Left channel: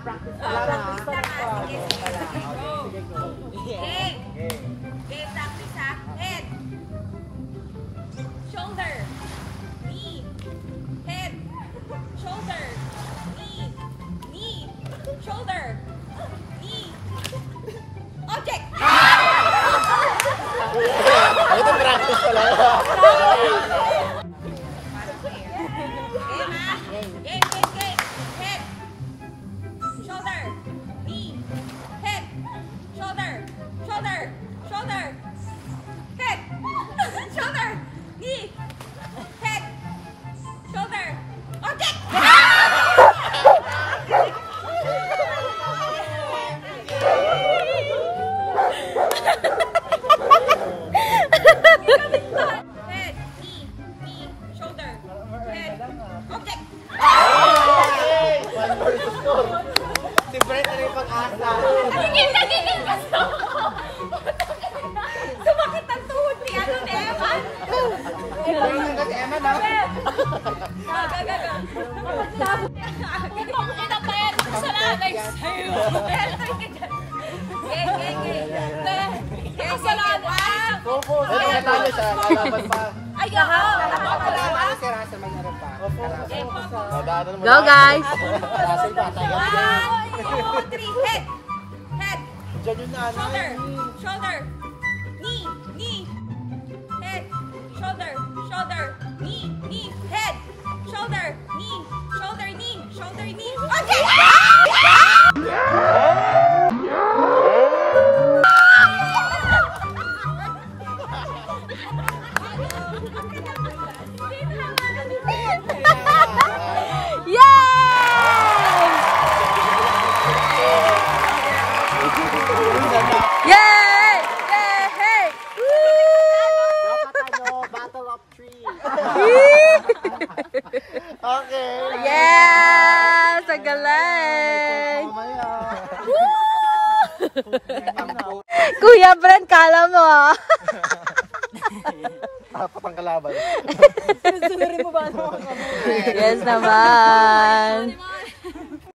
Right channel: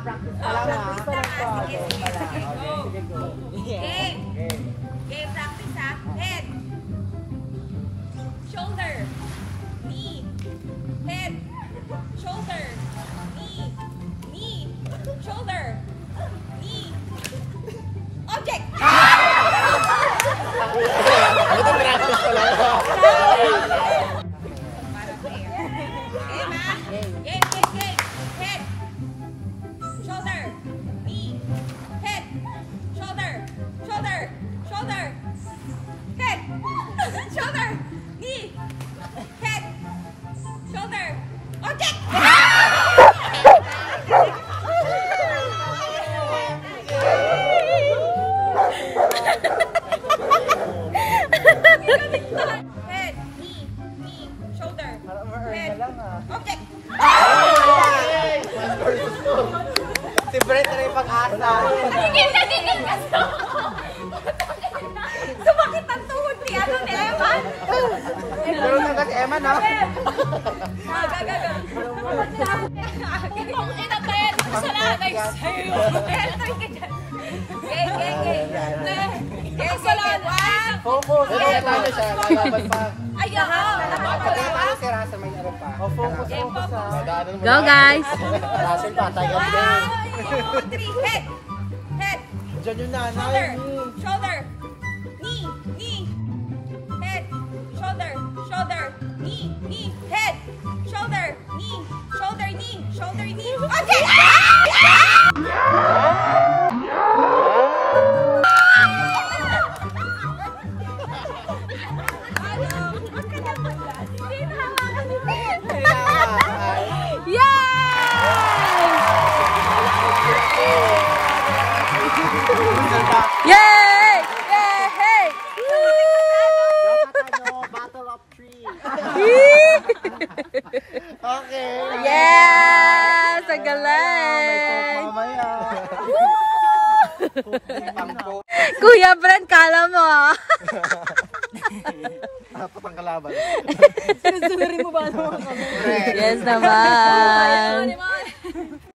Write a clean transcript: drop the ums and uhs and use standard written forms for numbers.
Practice pa lang. Practice pa lang po. Sige, go. Game. Game practice ha. Head. Shoulder. Knee. Head. Shoulder. Knee. Knee. Shoulder. Knee. Object. Ito practice pa lang. Game. Head. Shoulder. Knee. Head. Shoulder. Shoulder. Head. Shoulder. Knee. Head. Shoulder. Object. Head. Knee. Shoulder. Head. Object. Si Brett na yung pag-asa. Sumakit ang tuhod ni Eman. Pero nagat si Eman, ha? Gaga. Kita pa yan. Salamat sa'yo. Game. Focus. Natalo siya. Lalaban pa. Pagkatalo si Russell, may ano pa. Kalaban. Go guys! Russell pa, tayo. 1, 2, 3. Head. Diyan yung nanay. Shoulder. Knee. Head. Shoulder. Knee. Head. Shoulder. Knee. Okay! Yay! Yay! Battle of three. Woo! Okay. Yes! Ang galing! Kuya Brent, kala mo ah. Ako pang kalaban. Sinusunurin mo ba? Yes naman.